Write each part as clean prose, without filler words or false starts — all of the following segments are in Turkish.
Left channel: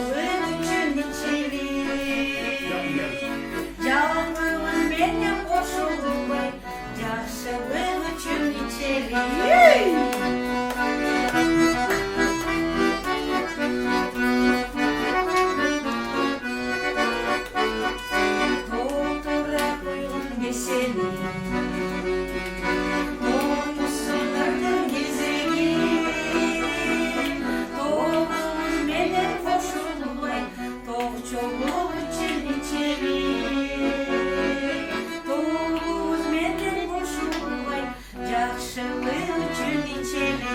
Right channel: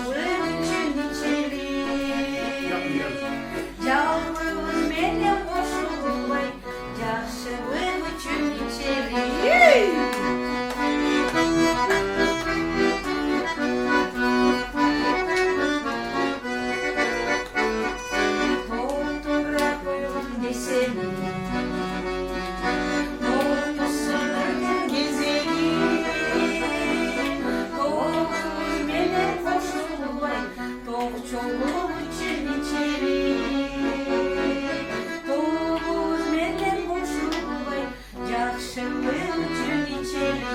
üçün içeri. Canımın beni koşulmay, yaşamın üçün içeri. Doktora koyun deseni, doyusunlardır gezeni. Doğumuz beni koşulmay, dokçoluk üçün içeri. Doğumuz beni koşulmay, yaşamın üçün içeri.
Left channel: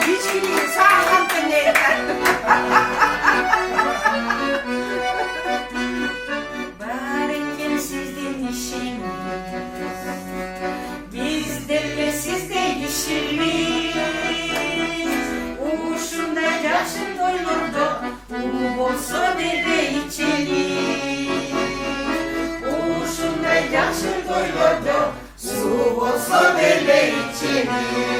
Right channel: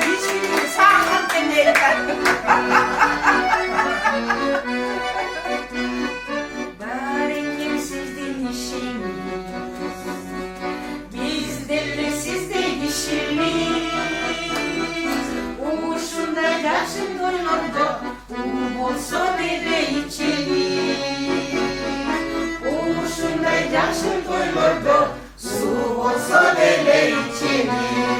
Hiç kimse sağ kalpten nereden? Barikim sizin işiniz, bizlerle sizde işimiz. Uşunda yaşın doyurdu, olsa dere içeri. Uşunda yaşın doyurdu, su olsa dere içeri.